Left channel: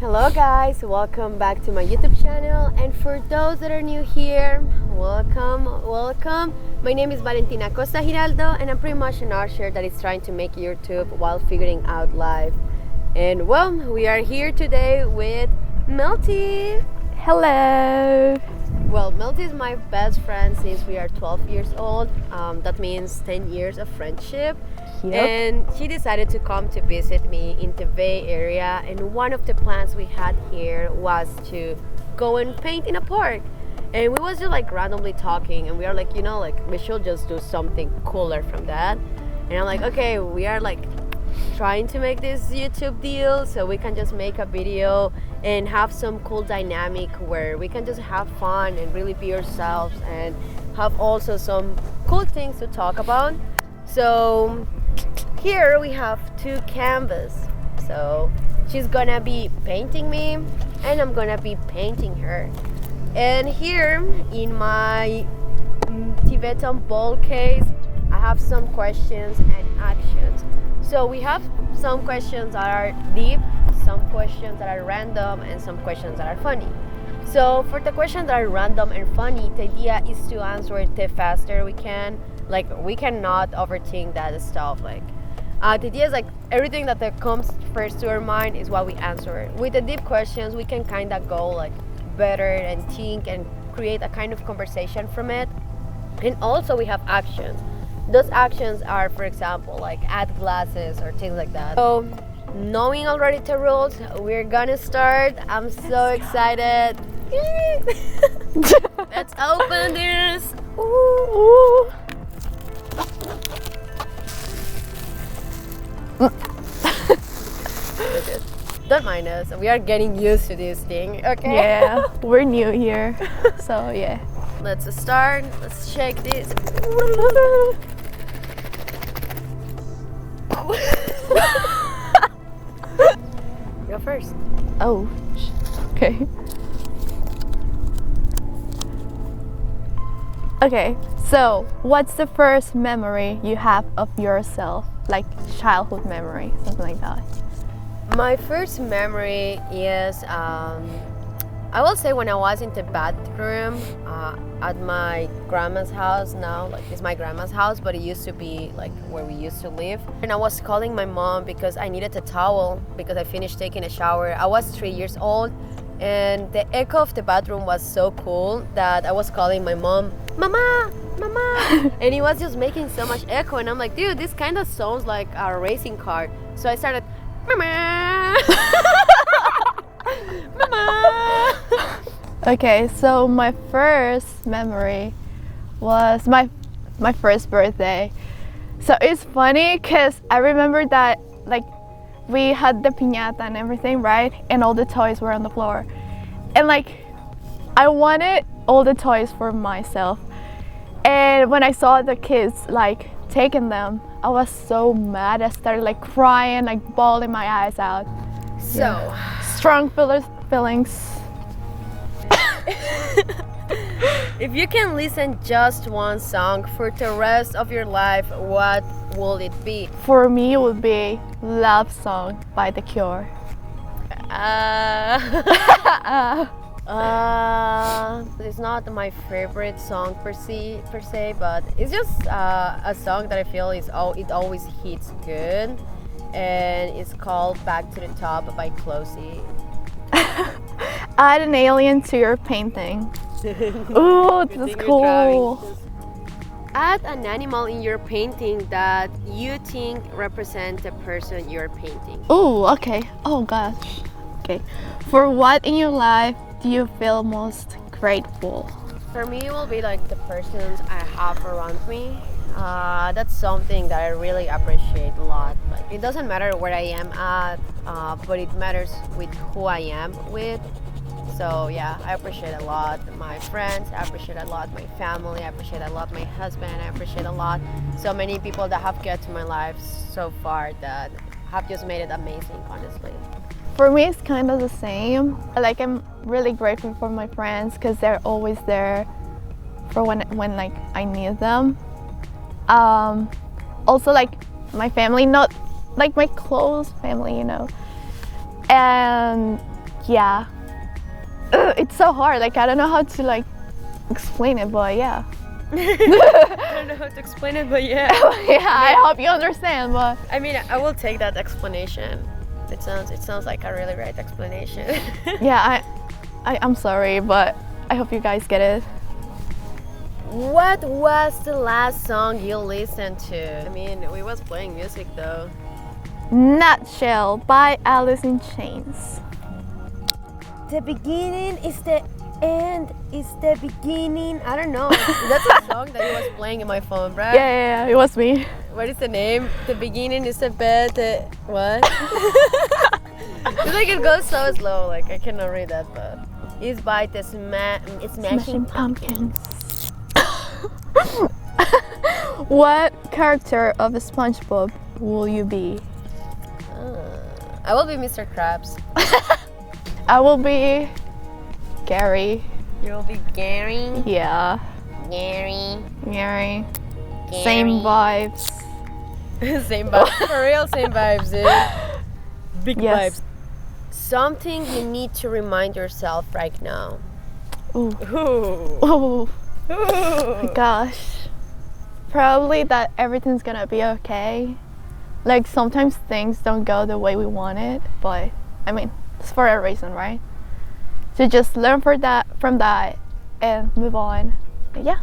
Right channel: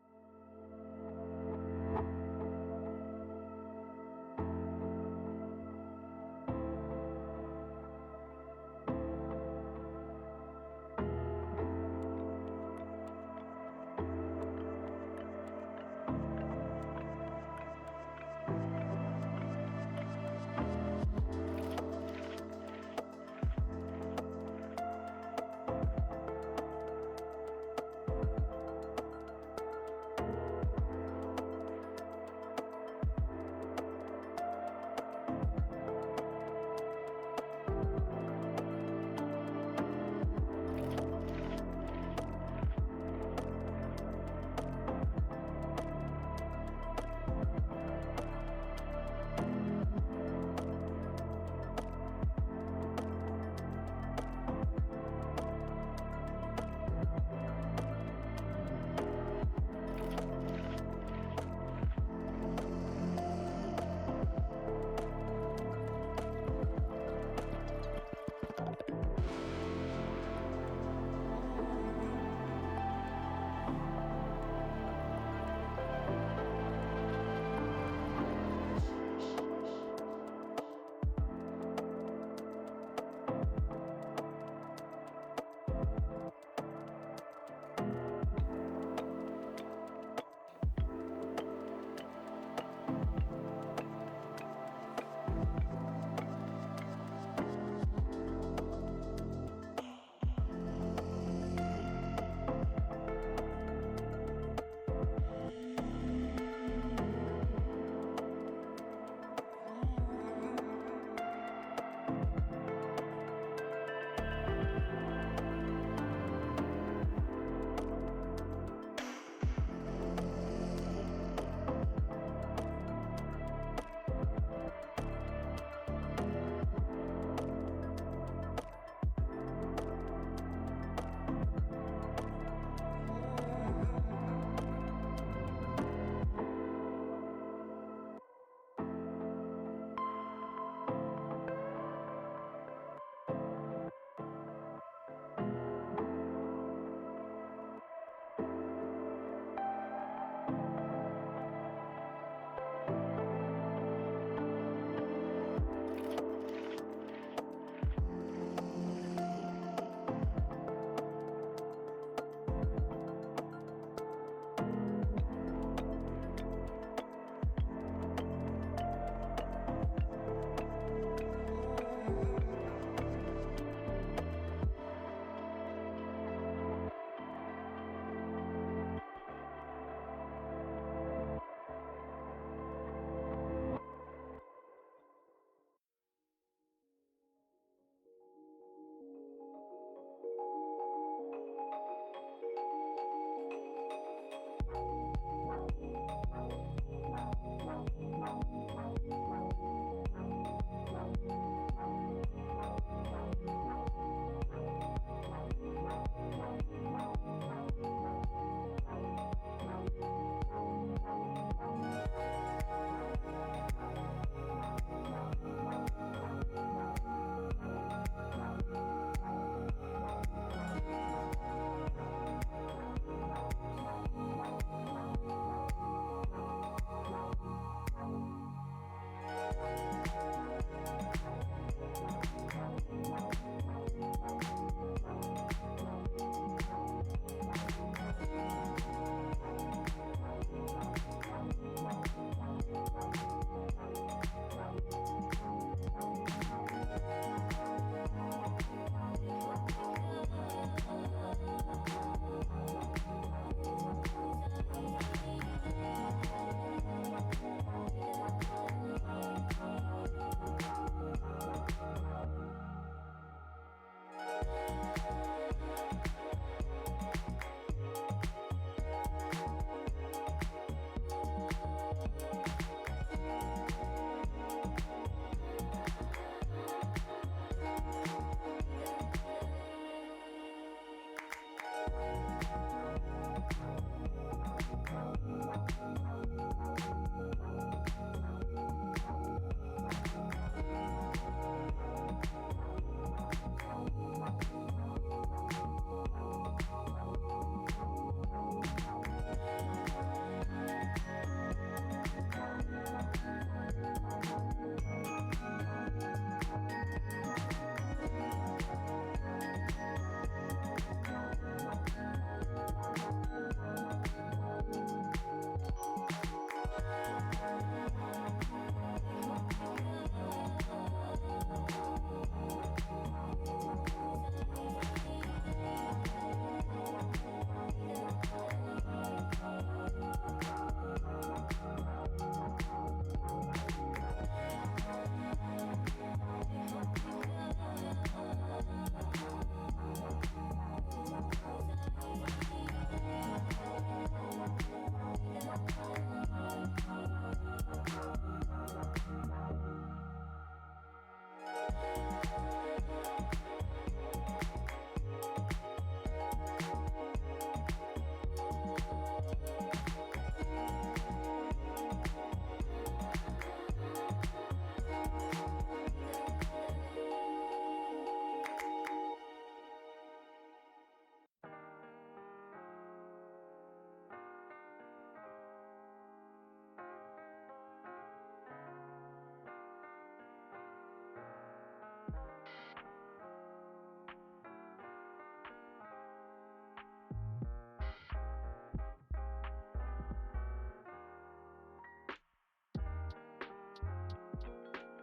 Hello guys, welcome back to my YouTube channel, and for those that are new here, welcome. My name is Valentina Costa Giraldo and I'm pretty much an archer that is trying to make YouTube while figuring out life. And well, we are here today with Melty. Hello. Well, Melty is my best friend since we are 12 years old. That means 10 years of friendship. Yep. And she decided to come to visit me in the Bay Area. And one of the plans we had here was to go and paint in a park. And we was just like randomly talking, and we are like, we should just do something cooler from that. And I'm like, okay, we are like trying to make this YouTube deal so we can just make a video and have some cool dynamic where we can just have fun and really be ourselves and have also some cool things to talk about. So here we have two canvas. So she's gonna be painting me and I'm gonna be painting her. And here in my Tibetan ball case, I have some questions and actions. So we have some questions that are deep, some questions that are random, and some questions that are funny. So for the questions that are random and funny, the idea is to answer it the faster we can. Like, we cannot overthink that stuff. Like, the idea is like everything that comes first to our mind is what we answer. With the deep questions, we can kind of go like better and think and create a kind of conversation from it. And also we have actions. Those actions are, for example, like add glasses or things like that. So, knowing already the rules, we're gonna start. I'm so excited. Let's open this. Ooh. Don't mind us. We are getting used to this thing, okay? Yeah, we're new here, so yeah. Let's start. Let's check this. Go first. Oh, okay. Okay, so what's the first memory you have of yourself? Like childhood memory, something like that. My first memory is, I will say when I was in the bathroom at my grandma's house. Now, like, it's my grandma's house, but it used to be like where we used to live. And I was calling my mom because I needed a towel because I finished taking a shower. I was 3 years old, and the echo of the bathroom was so cool that I was calling my mom, Mama, Mama, and it was just making so much echo. And I'm like, dude, this kind of sounds like a racing car. So I started, Mama, Mama. Okay, so my first memory was my first birthday. So it's funny because I remember that like we had the piñata and everything, right? And all the toys were on the floor. And like I wanted all the toys for myself. And when I saw the kids like taking them, I was so mad. I started like crying, like bawling my eyes out. So, Strong feelings. if you can listen just one song for the rest of your life, what will it be? For me, it would be Love Song by The Cure. It's not my favorite song per se, but it's just a song that I feel it always hits good, and it's called Back to the Top by Closey. Add an alien to your painting. Ooh, that's cool. Add an animal in your painting that you think represents the person you're painting. Ooh, okay. Oh gosh. Okay. For what in your life do you feel most grateful? For me, it will be like the persons I have around me. That's something that I really appreciate a lot. Like, it doesn't matter where I am at, but it matters with who I am with. So yeah, I appreciate a lot my friends, I appreciate a lot my family, I appreciate a lot my husband, I appreciate a lot so many people that have get to my life so far that have just made it amazing, honestly. For me, it's kind of the same. Like I'm really grateful for my friends because they're always there for when like I need them. Also like my family, not like my close family, you know. And yeah. It's so hard. Like I don't know how to like explain it, but yeah. I don't know how to explain it, but yeah. Yeah, I hope you understand. But I mean, I will take that explanation. It sounds like a really great explanation. yeah, I'm sorry, but I hope you guys get it. What was the last song you listened to? I mean, we was playing music though. Nutshell by Alice in Chains. The beginning is the end is the beginning. I don't know. That's a song that you was playing in my phone, right? Yeah, it was me. What is the name? The beginning is the bed. What? It's like it goes so slow. Like I cannot read that, but it's by the Smashing Pumpkins. What character of SpongeBob will you be? I will be Mr. Krabs. I will be Gary. You will be Gary. Yeah. Gary. Same vibes. Same vibes. For real, same vibes, dude. Big Yes. vibes. Something you need to remind yourself right now. Ooh. Ooh. Oh gosh. Probably that everything's gonna be okay. Like sometimes things don't go the way we want it, but I mean, it's for a reason, right? So just learn from that and move on. And yeah,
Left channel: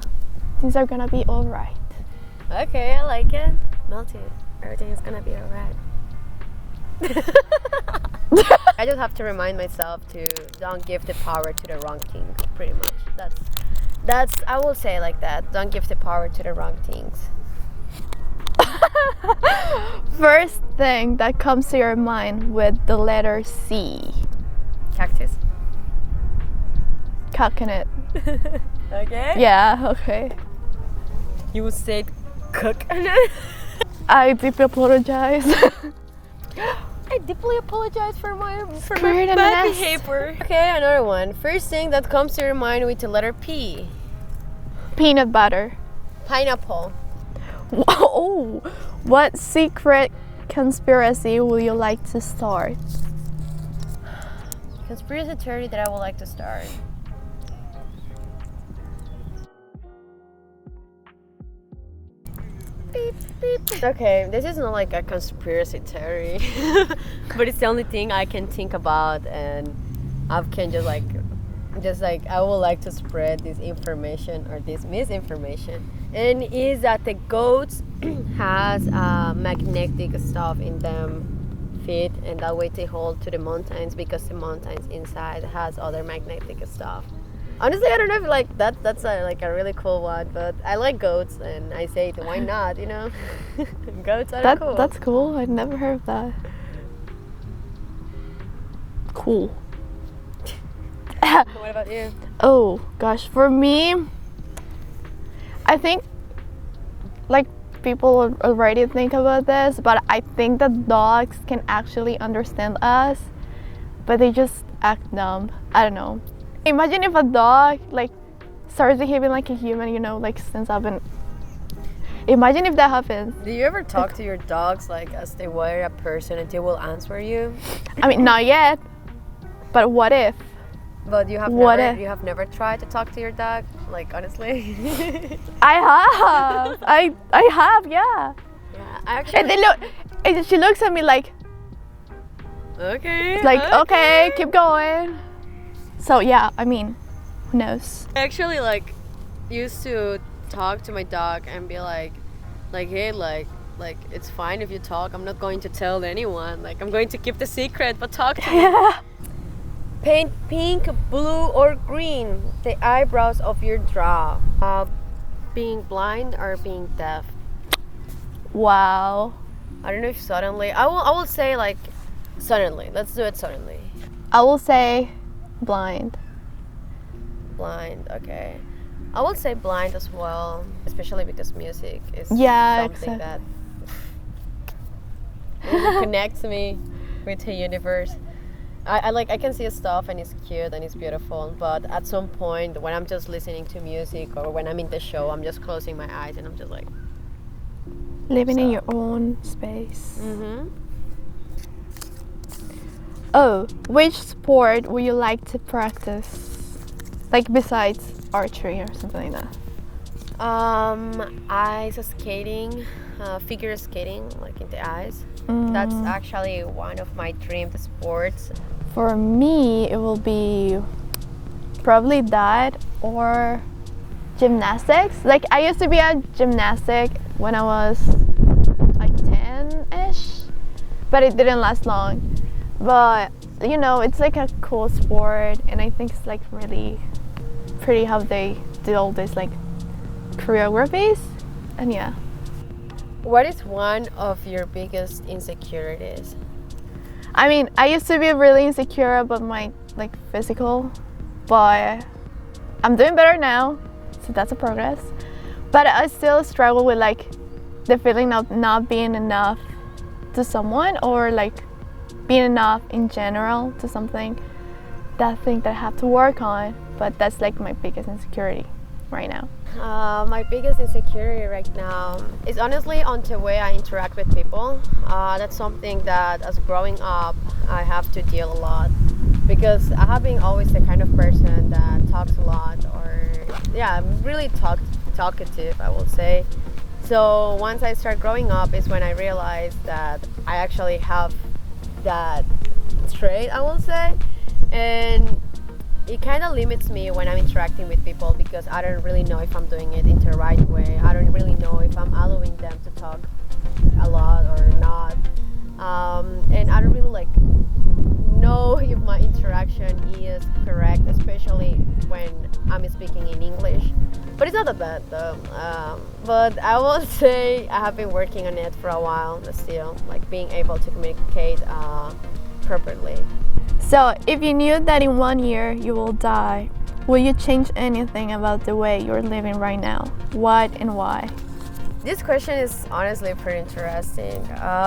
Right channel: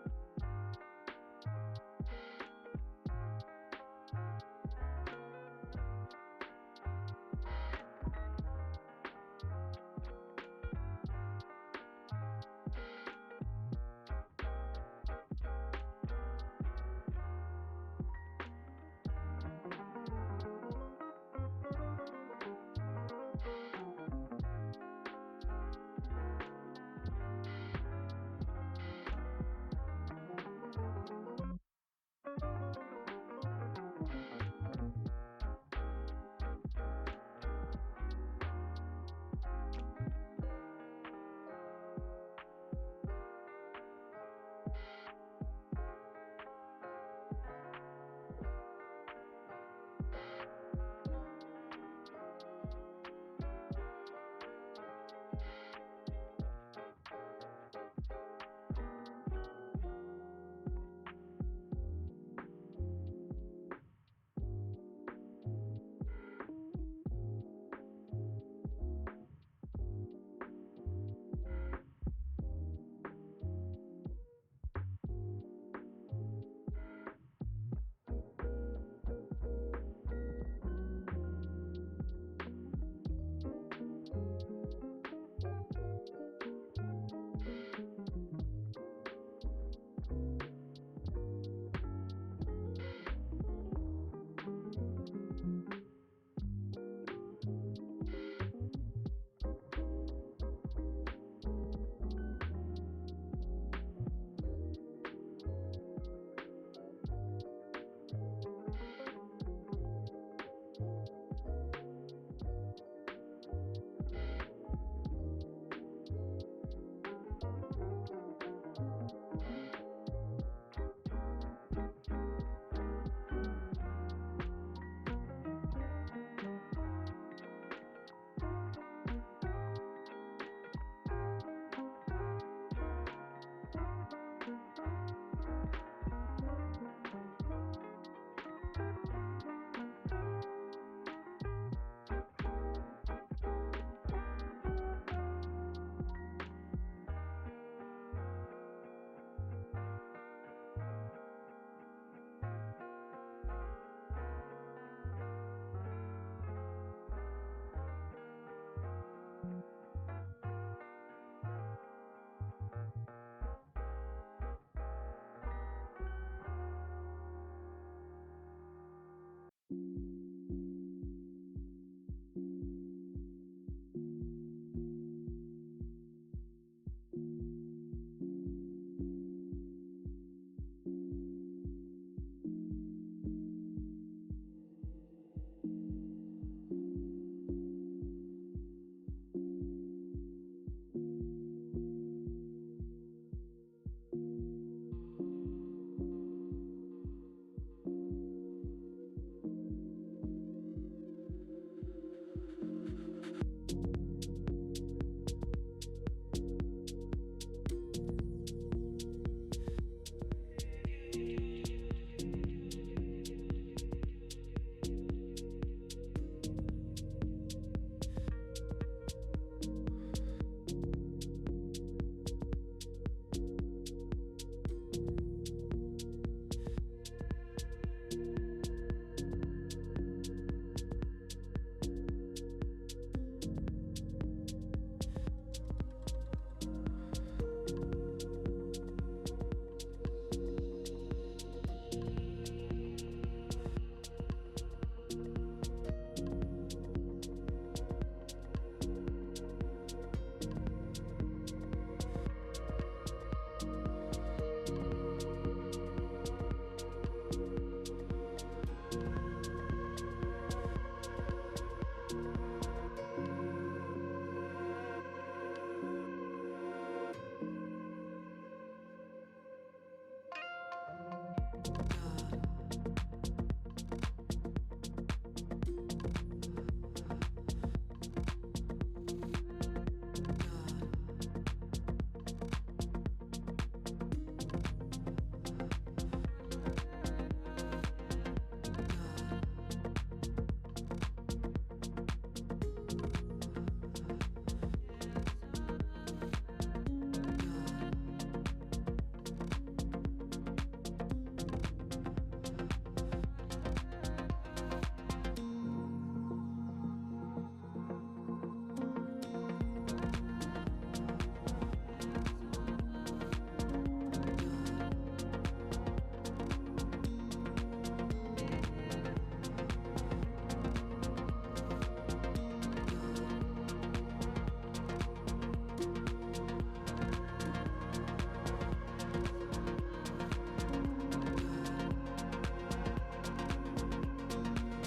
things are gonna be alright. Okay, I like it. Melty, everything is gonna be alright. I just have to remind myself to don't give the power to the wrong thing, pretty much. That's I will say like that. Don't give the power to the wrong things. First thing that comes to your mind with the letter C. Cactus. Coconut. Okay. Yeah, okay. You said coconut. I deeply apologize. I deeply apologize for my Scared and bad mess. behavior. Okay, another one. First thing that comes to your mind with the letter P. Peanut butter. Pineapple. Oh, what secret conspiracy will you like to start? Conspiracy theory that I would like to start. Beep, beep. Okay, this is not like a conspiracy theory, but it's the only thing I can think about, and I can just like I would like to spread this information or this misinformation, and is that the goats has magnetic stuff in them feet, and that way they hold to the mountains because the mountains inside has other magnetic stuff. Honestly, I don't know if like that's like a really cool one, but I like goats, and I say why not, you know? Goats are cool. That's cool. I've never heard of that. Cool. What about you? Oh gosh, for me, I think like people already think about this, but I think that dogs can actually understand us, but they just act dumb. I don't know. Imagine if a dog like starts behaving like a human, you know, like since I've been. Imagine if that happens. Do you ever talk to your dogs like as they were a person and they will answer you? I mean, not yet, but what if? But you have What never if? you have never tried to talk to your dog, like honestly. I have. I have, yeah. I actually. And they look. And she looks at me like Okay. okay, keep going. So yeah, I mean, who knows? I actually like used to talk to my dog and be like hey, like it's fine if you talk. I'm not going to tell anyone. Like I'm going to keep the secret, but talk to me. Yeah. Paint pink, blue, or green the eyebrows of your draw. Being blind or being deaf. Wow. I don't know if suddenly. I will say like suddenly. Let's do it suddenly. I will say blind. Blind. Okay. I will say blind as well, especially because music is Yeah, something that connects me with the universe. I can see stuff and it's cute and it's beautiful, but at some point when I'm just listening to music or when I'm in the show, I'm just closing my eyes and I'm just like Living in your own space. Oh, which sport would you like to practice? Like besides archery or something like that? Ice skating, figure skating, like in the ice. That's actually one of my dream sports. For me, it will be probably that or gymnastics. Like I used to be a gymnastic when I was like 10-ish, but it didn't last long. But you know, it's like a cool sport, and I think it's like really pretty how they do all this like choreographies, and yeah. What is one of your biggest insecurities? I mean, I used to be really insecure about my like physical, but I'm doing better now, so that's a progress. But I still struggle with like the feeling of not being enough to someone, or like being enough in general to something. That thing that I have to work on, but that's like my biggest insecurity right now. My biggest insecurity right now is honestly on the way I interact with people. That's something that as growing up I have to deal a lot, because I have been always the kind of person that talks a lot, or yeah, I'm really talkative, I will say. So once I start growing up is when I realized that I actually have that trait, I will say, and it kind of limits me when I'm interacting with people, because I don't really know if I'm doing it in the right way. I don't really know if I'm allowing them to talk a lot or not, and I don't really like know if my interaction is correct, especially when I'm speaking in English. But it's not that bad though. But I will say I have been working on it for a while, but still, like being able to communicate properly. So, if you knew that in 1 year you will die, will you change anything about the way you're living right now? What and why? This question is honestly pretty interesting,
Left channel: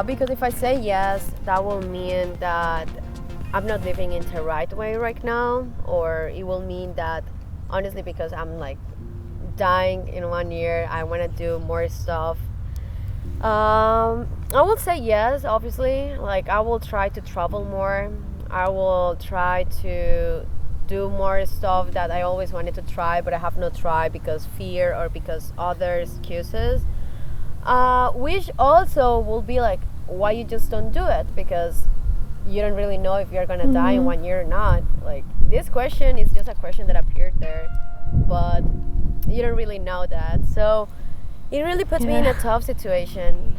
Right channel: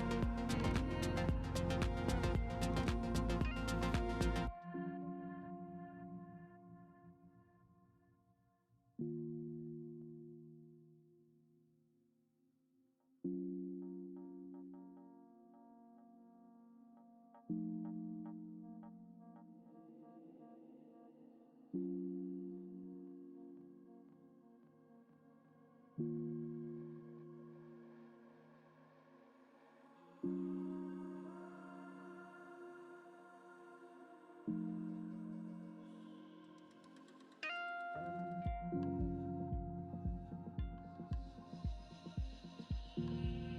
because if I say yes, that will mean that I'm not living in the right way right now, or it will mean that honestly, because I'm like dying in 1 year, I want to do more stuff. I will say yes, obviously. Like I will try to travel more. I will try to do more stuff that I always wanted to try, but I have not tried because fear or because other excuses. Which also will be like why you just don't do it, because you don't really know if you're gonna die in 1 year or not. Like this question is just a question that appeared there, but you don't really know that. So it really puts me in a tough situation.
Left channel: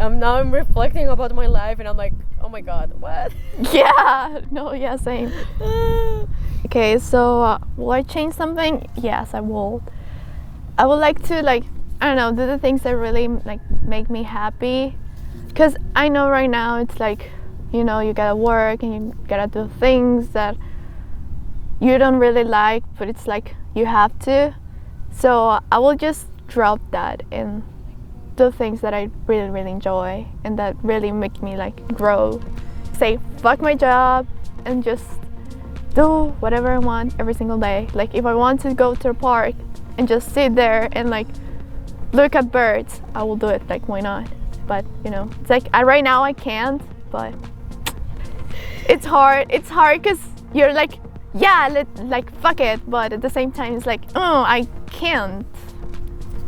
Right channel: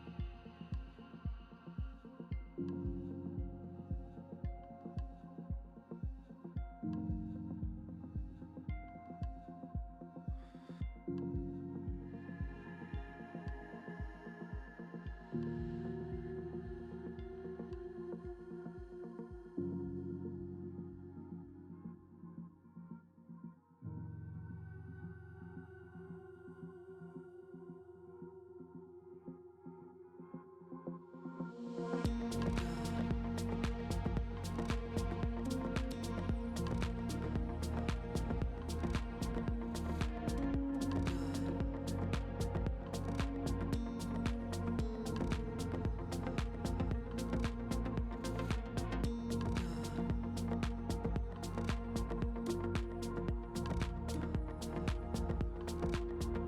I'm reflecting about my life, and I'm like, oh my god, what? Yeah, no, yeah, same. Okay, so will I change something? Yes, I will. I would like to like, I don't know, do the things that really like make me happy, because I know right now it's like, you know, you gotta work and you gotta do things that you don't really like, but it's like you have to. So I will just drop that and do things that I really, really enjoy and that really make me like grow. Say fuck my job and just do whatever I want every single day. Like if I want to go to a park and just sit there and like look at birds, I will do it. Like why not? But you know, it's like right now I can't, but it's hard. It's hard because you're like, yeah, like fuck it, but at the same time it's like, oh, I can't.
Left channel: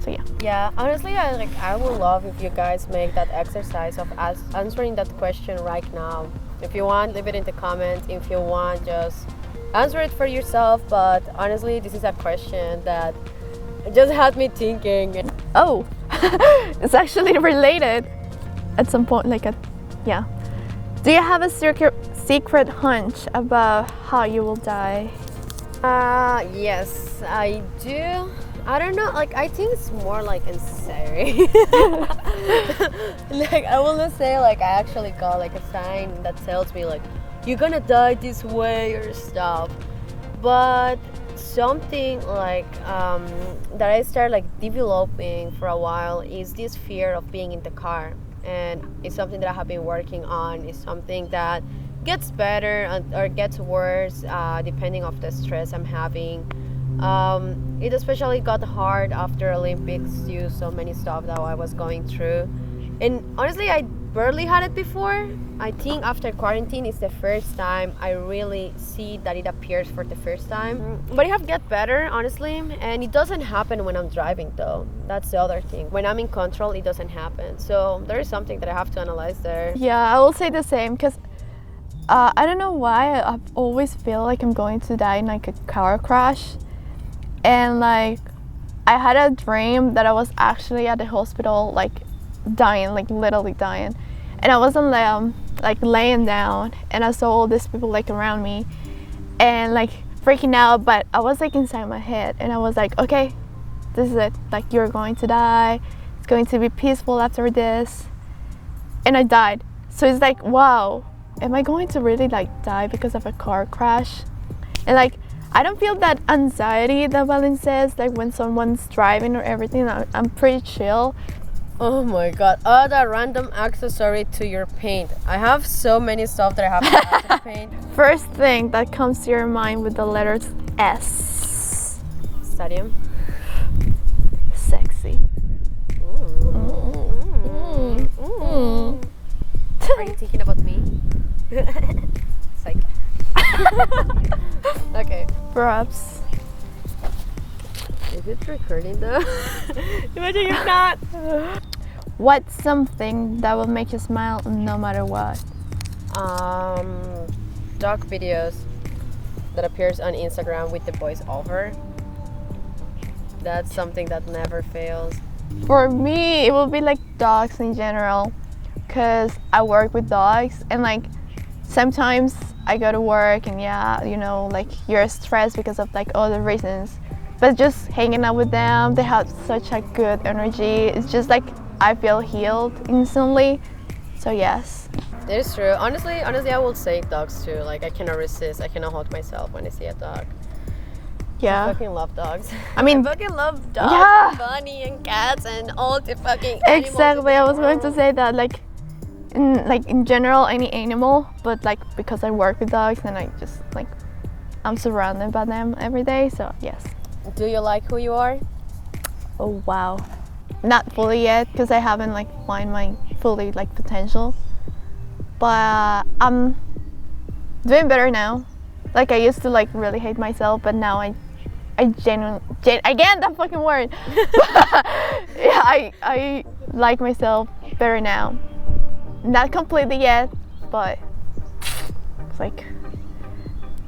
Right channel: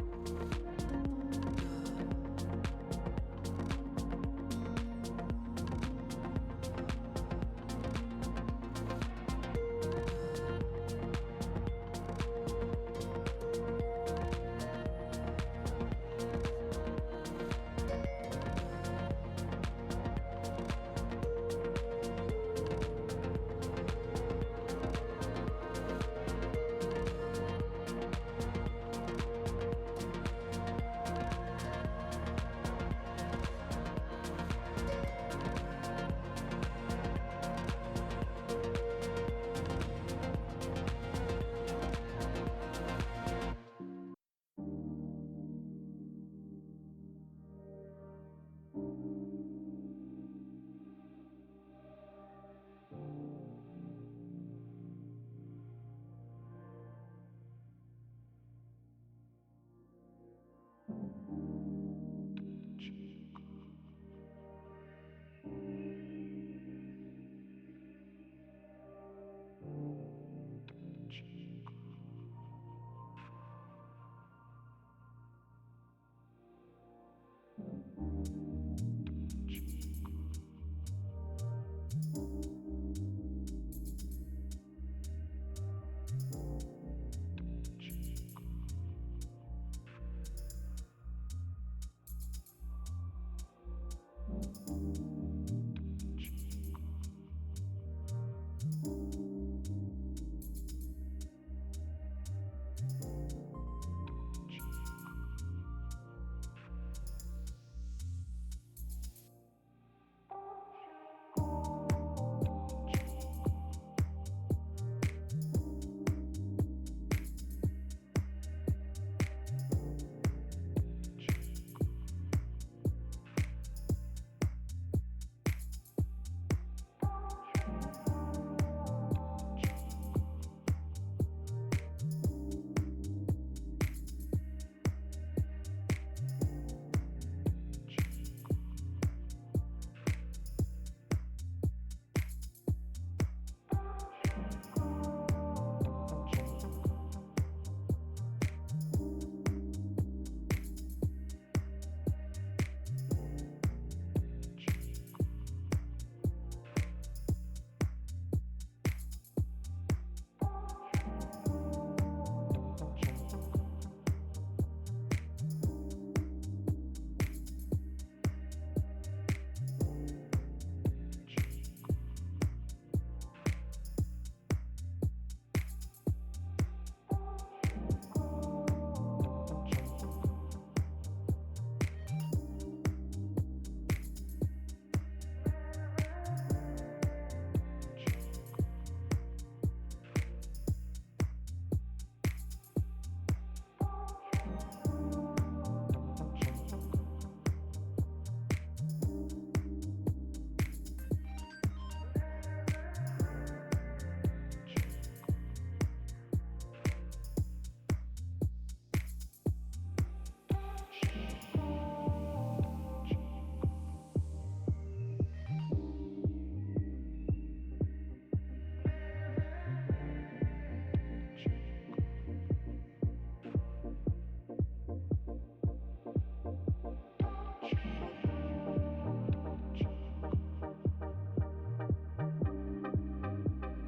So yeah. Yeah, honestly, I would love if you guys make that exercise of answering that question right now. If you want, leave it in the comments. If you want, just answer it for yourself. But honestly, this is a question that just had me thinking. Oh, it's actually related at some point. Yeah. Do you have a secret hunch about how you will die? Yes, I do. I don't know, like I think it's more like scary. Like I will not say like I actually got like a sign that tells me like you're gonna die this way or stuff. But something like that I started like developing for a while is this fear of being in the car, and it's something that I have been working on. It's something that gets better or gets worse depending of the stress I'm having. It especially got hard after Olympics due so many stuff that I was going through, and honestly I barely had it before. I think after quarantine is the first time I really see that it appears for the first time. But it have get better, honestly, and it doesn't happen when I'm driving though. That's the other thing. When I'm in control, it doesn't happen. So there is something that I have to analyze there. Yeah, I will say the same because I don't know why I always feel like I'm going to die in like a car crash, and like I had a dream that I was actually at the hospital, like dying, like literally dying, and I was on like laying down, and I saw all these people like around me, and like freaking out. But I was like inside my head, and I was like, okay, this is it. Like you're going to die. It's going to be peaceful after this, and I died. So it's like, wow, am I going to really like die because of a car crash? And like I don't feel that anxiety that Valen says, like when someone's driving or everything. I'm pretty chill. Oh my god, add a random accessory to your paint. I have so many stuff that I have to add to the paint. First thing that comes to your mind with the letters S. Stadium. Sexy. Are you thinking about me? Psych. Okay. Props. Is it recording though? Imagine if not. What's something that will make you smile no matter what? Dog videos that appears on Instagram with the voice over. That's something that never fails. For me, it will be like dogs in general, because I work with dogs, and like sometimes I go to work and yeah, you know, like you're stressed because of like other reasons, but just hanging out with them, they have such a good energy. It's just like I feel healed instantly. So yes. It is true. Honestly, I will say dogs too. Like I cannot resist. I cannot hold myself when I see a dog. Yeah. I fucking love dogs. I mean, I fucking love dogs, yeah. and bunny and cats and all the fucking animals. Exactly. I was going to say that like in general any animal, but like because I work with dogs and I just like I'm surrounded by them every day. So yes. Do you like who you are? Oh wow. Not fully yet because I haven't like find my fully like potential. But I'm doing better now. Like I used to like really hate myself, but now I genuinely again that fucking word. Yeah, I like myself better now. Not completely yet, but it's like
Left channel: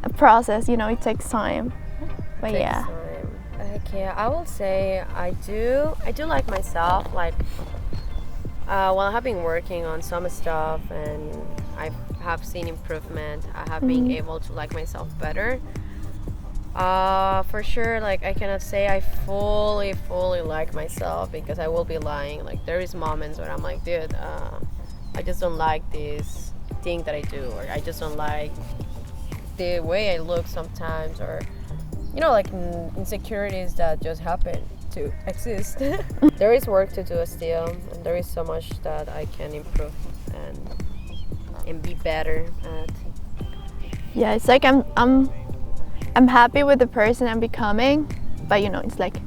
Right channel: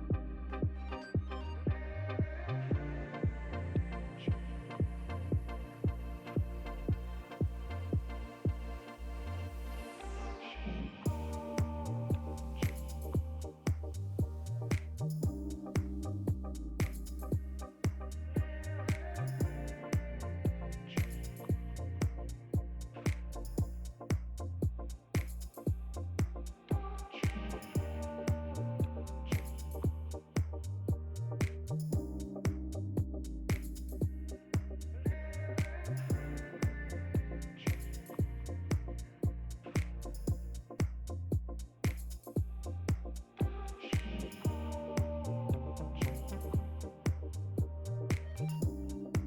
a process, you know, it takes time. But yeah. Okay, I will say I do like myself. Like while I have been working on some stuff and I have seen improvement, I have been able to like myself better. For sure, like I cannot say I fully like myself because I will be lying. Like there is moments where I'm like, dude, I just don't like this thing that I do, or I just don't like the way I look sometimes, or you know, like insecurities that just happen to exist. There is work to do still, and there is so much that I can improve and be better at. Yeah, it's like I'm happy with the person I'm becoming, but you know, it's like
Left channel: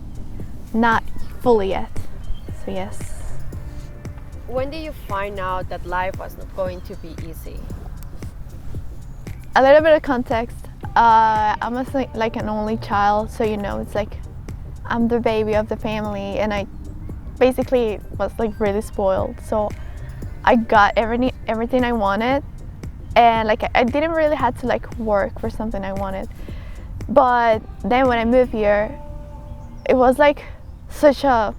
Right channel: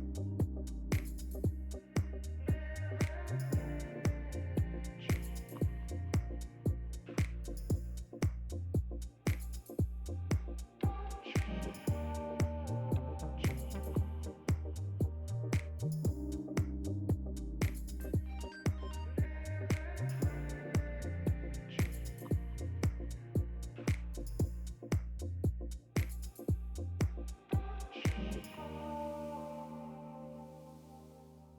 not fully yet. So yes. When did you find out that life was not going to be easy? A little bit of context. I'm like an only child, so you know, it's like I'm the baby of the family, and I basically was like really spoiled. So I got everything I wanted, and like I didn't really have to like work for something I wanted. But then when I moved here, it was like such a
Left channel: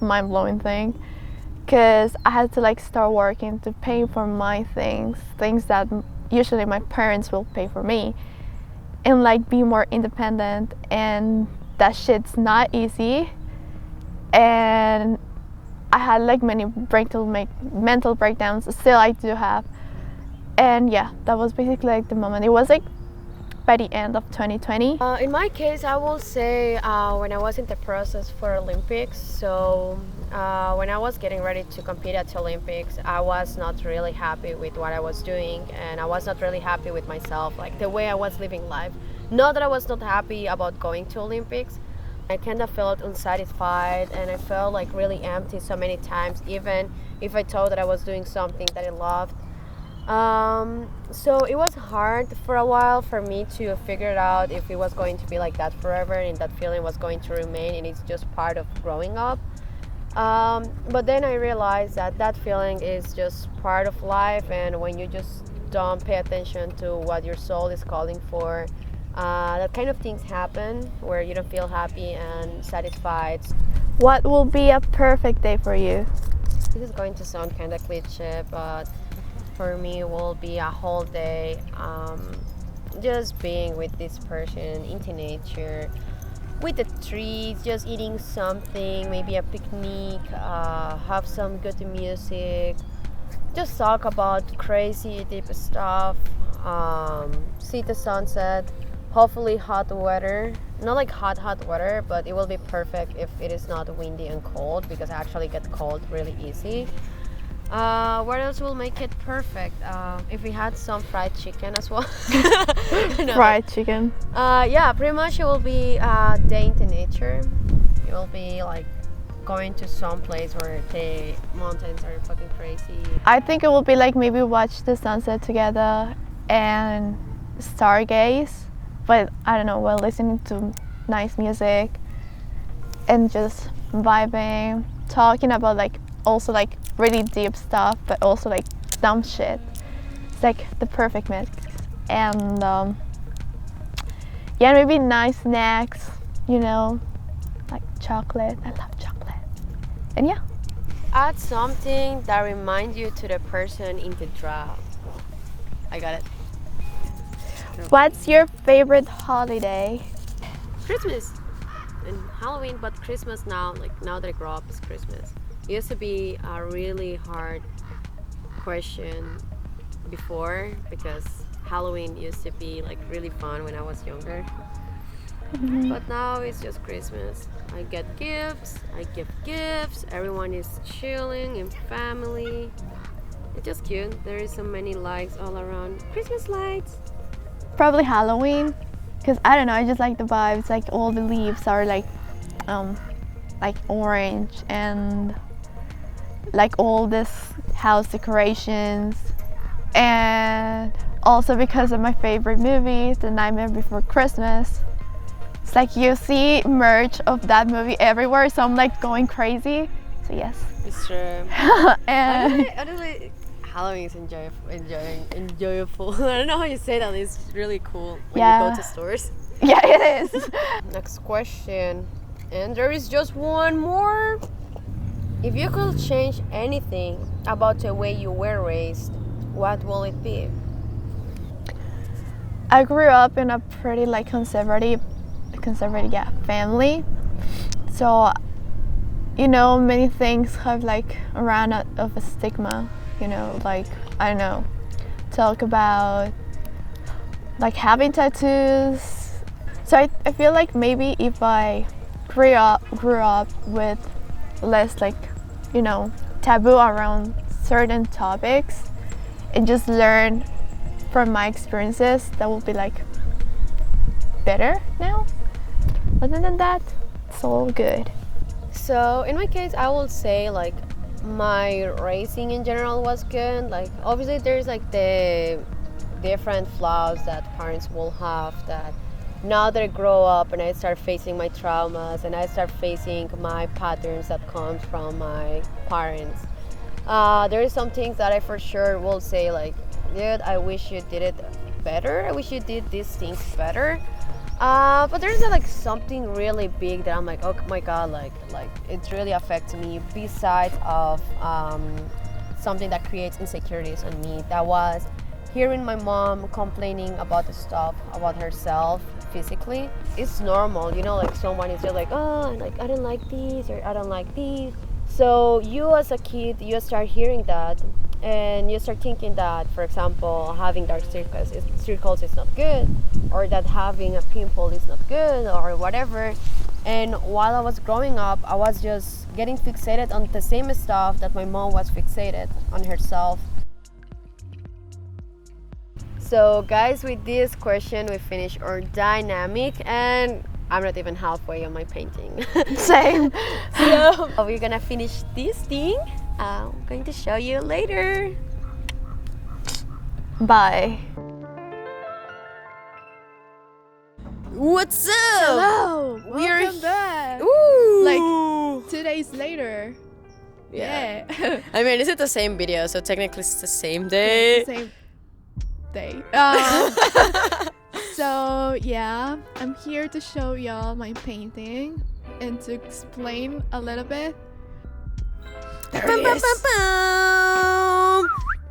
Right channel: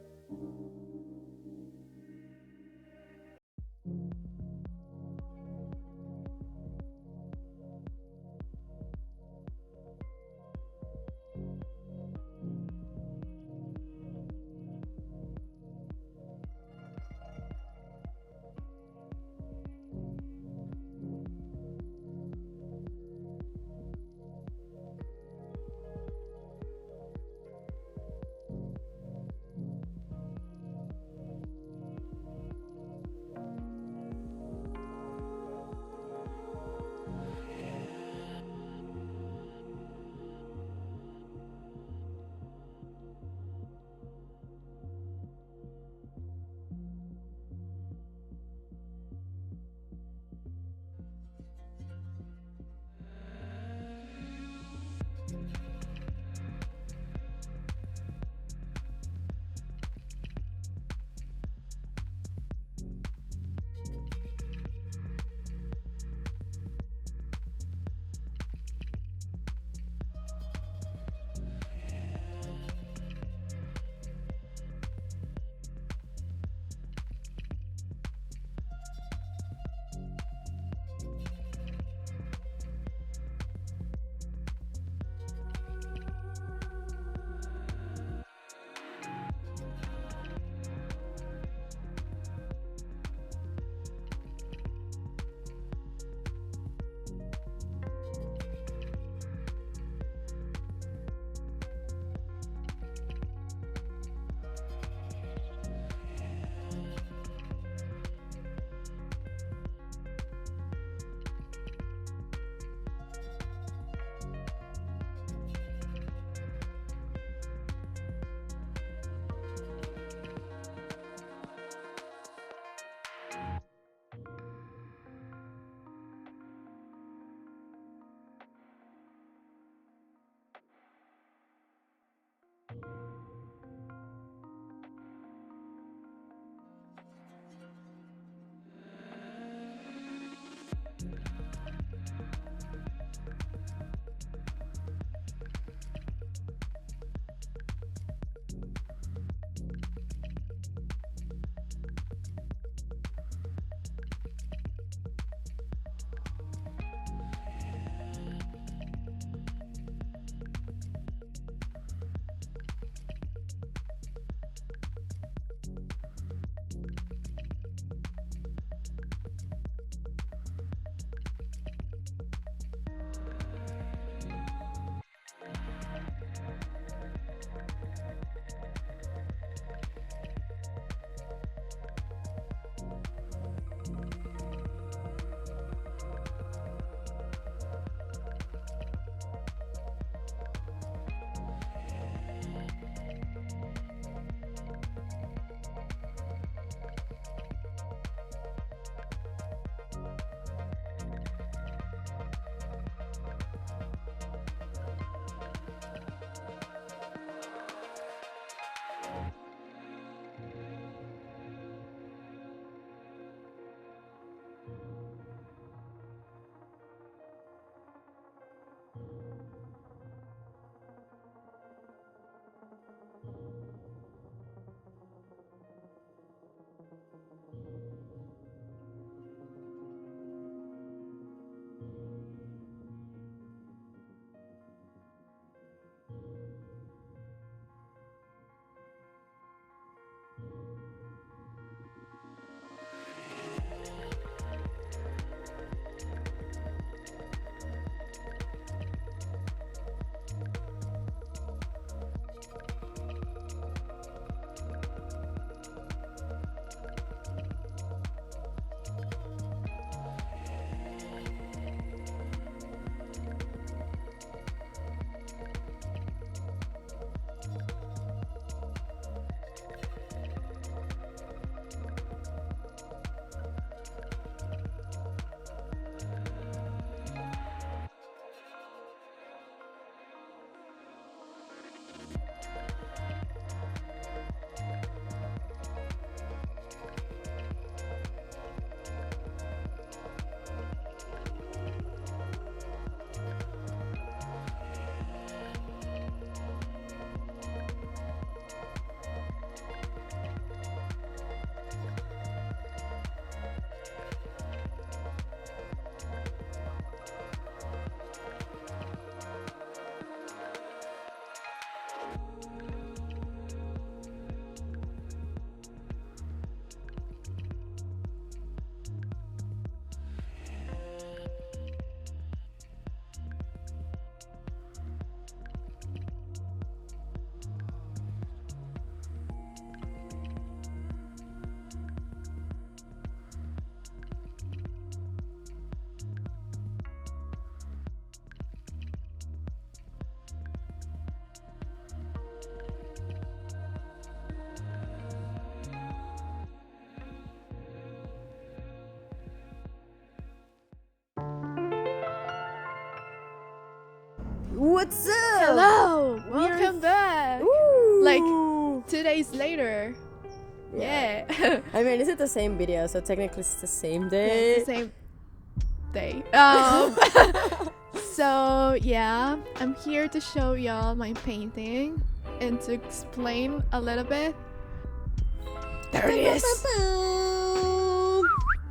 mind-blowing thing, because I had to like start working to pay for my things that usually my parents will pay for me, and like be more independent, and that shit's not easy. And I had like many mental breakdowns, still I do have. And yeah, that was basically like the moment. It was like by the end of 2020. In my case, I will say when I was in the process for Olympics. So when I was getting ready to compete at the Olympics, I was not really happy with what I was doing, and I was not really happy with myself, like the way I was living life. Not that I was not happy about going to Olympics, I kind of felt unsatisfied and I felt like really empty so many times, even if I thought that I was doing something that I loved. So it was hard for a while for me to figure out if it was going to be like that forever and that feeling was going to remain and it's just part of growing up. But then I realized that that feeling is just part of life, and when you just don't pay attention to what your soul is calling for, that kind of things happen where you don't feel happy and satisfied. What will be a perfect day for you? This is going to sound kind of cliche, but for me, it will be a whole day just being with this person into nature, with the trees, just eating something, maybe a picnic, have some good music, just talk about crazy deep stuff, see the sunset, hopefully hot weather. Not like hot weather, but it will be perfect if it is not windy and cold because I actually get cold really easy. What else will make it perfect? If we had some fried chicken as well. No. Fried chicken. Yeah, pretty much it will be a day into nature. It will be like going to some place where the mountains are fucking crazy. I think it will be like maybe watch the sunset together and stargaze, but I don't know, while listening to nice music and just vibing, talking about like also like really deep stuff, but also like dumb shit. It's like the perfect mix. And yeah, maybe nice snacks, you know, like chocolate. I love chocolate. And yeah. Add something that reminds you to the person in the draft. I got it. What's your favorite holiday? Christmas and Halloween, but Christmas now, like now that I grow up, is Christmas. It used to be a really hard question before because Halloween used to be like really fun when I was younger. But now it's just Christmas. I get gifts, I give gifts, everyone is chilling in family. It's just cute. There is so many lights all around. Christmas lights. Probably Halloween, because I don't know, I just like the vibes. Like all the leaves are like orange, and like all this house decorations, and also because of my favorite movie, The Nightmare Before Christmas. It's like you see merch of that movie everywhere, so I'm like going crazy. So yes. It's true. And Honestly, Halloween is enjoyable. I don't know how you say that. It's really cool when you go to stores. yeah, it is. Next question. And there is just one more. If you could change anything about the way you were raised, what will it be? I grew up in a pretty like conservative family. So, you know, many things have like around of a stigma, you know, like, I don't know, talk about like having tattoos. So I feel like maybe if I grew up with less like, you know, taboo around certain topics and just learn from my experiences, that will be like better now. Other than that, it's all good. So in my case, I will say like my raising in general was good. Like obviously there's like the different flaws that parents will have that now that I grow up and I start facing my traumas and I start facing my patterns that comes from my parents. There is some things that I for sure will say like, dude, I wish you did it better. I wish you did these things better. But there's like something really big that I'm like, oh my god, like it's really affecting me. Besides of something that creates insecurities in me, that was hearing my mom complaining about the stuff about herself physically. It's normal, you know, like someone is just like, oh, like I don't like these or I don't like these. So you as a kid, you start hearing that and you start thinking that, for example, having dark circles is not good, or that having a pimple is not good, or whatever. And while I was growing up, I was just getting fixated on the same stuff that my mom was fixated on herself. So guys, with this question we finish our dynamic, and I'm not even halfway on my painting. Same. So we're gonna finish this thing. I'm going to show you later. Bye. What's up? Hello. We're Welcome back. Ooh. Like 2 days later. Yeah. I mean, is it the same video? So technically it's the same Yeah, day. it's the same day. So yeah, I'm here to show y'all my painting and to explain a little bit. There it is.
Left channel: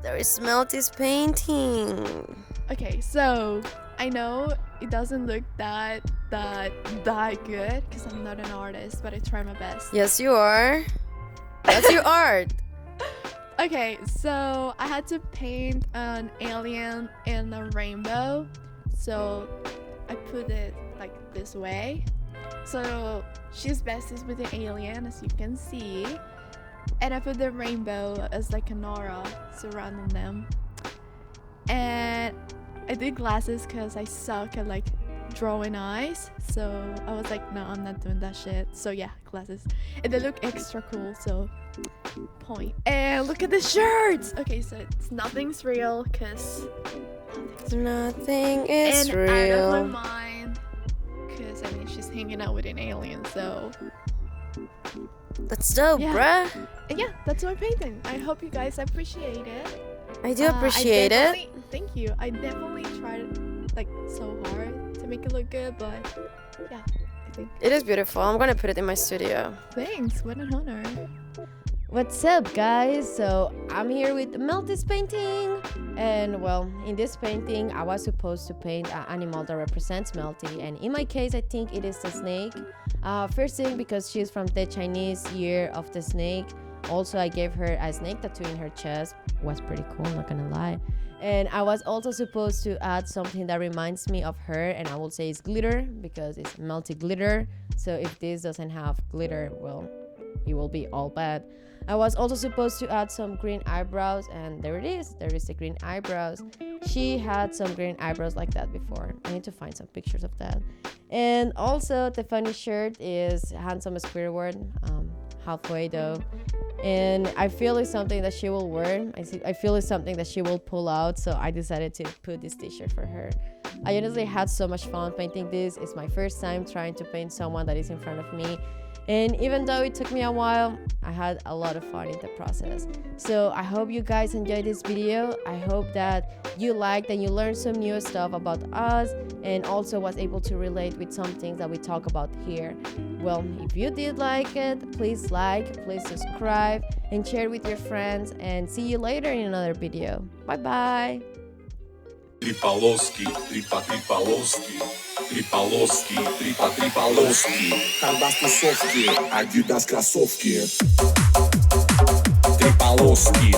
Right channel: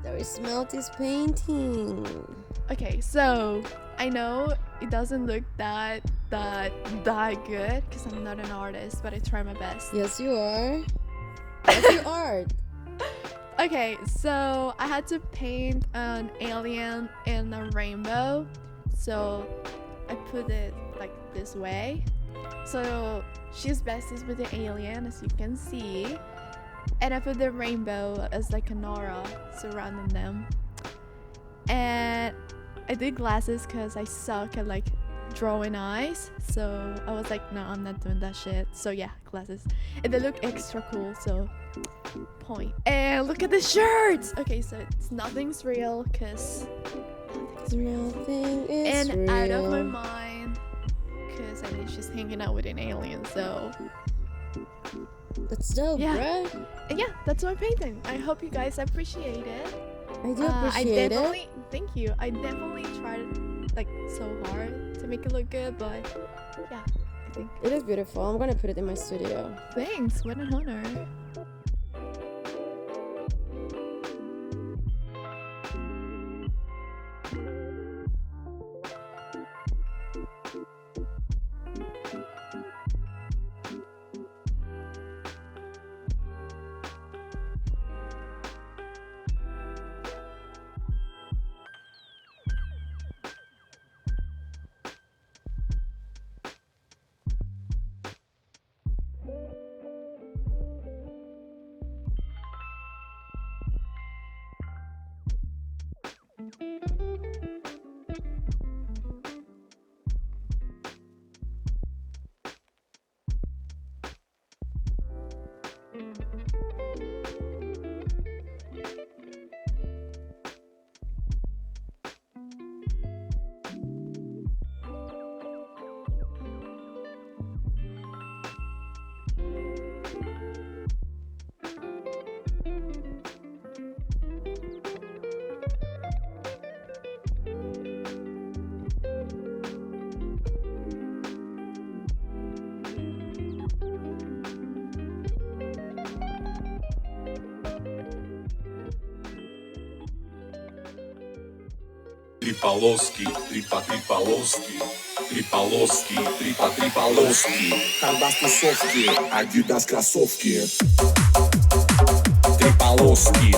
There is Melty's painting. Okay, so I know it doesn't look that good because I'm not an artist, but I try my best. Yes, you are. That's your art. Okay, so I had to paint an alien in a rainbow. So I put it like this way. So she's besties with the alien, as you can see. And I put the rainbow as like an aura surrounding them. And I did glasses because I suck at like drawing eyes. So I was like, no, I'm not doing that shit. So yeah, glasses. And they look extra cool, so point. And look at the shirts! Okay, so nothing's real because Nothing is and real. out of my mind because I mean she's hanging out with an alien, so That's dope, Yeah. bruh. and yeah, that's my painting. I hope you guys appreciate it. I do appreciate it. Thank you. I definitely tried like so hard to make it look good, but yeah, I think It is beautiful. I'm gonna put it in my studio. thanks. What an honor. What's up, guys? So I'm here with Melty's painting, and well, in this painting I was supposed to paint an animal that represents Melty, and in my case I think it is the snake. First thing, because she's from the Chinese year of the snake. Also, I gave her a snake tattoo in her chest. Was pretty cool, not gonna lie. And I was also supposed to add something that reminds me of her, and I will say it's glitter because it's Melty glitter. So if this doesn't have glitter, well, it will be all bad. I was also supposed to add some green eyebrows, and there it is. There is the green eyebrows. She had some green eyebrows like that before. I need to find some pictures of that. And also, the funny shirt is handsome Squidward, halfway though. And I feel it's something that she will wear. I feel it's something that she will pull out, so I decided to put this t-shirt for her. I honestly had so much fun painting this. It's my first time trying to paint someone that is in front of me. And even though it took me a while, I had a lot of fun in the process. So I hope you guys enjoyed this video. I hope that you liked and you learned some new stuff about us, and also was able to relate with some things that we talk about here. Well, if you did like it, please subscribe, and share with your friends, and see you later in another video. Bye bye. Трипаловский, трипа-трипаловский, трипаловский, трипа-трипаловский. Хандас тусовки, Адидас кроссовки. Трипаловский.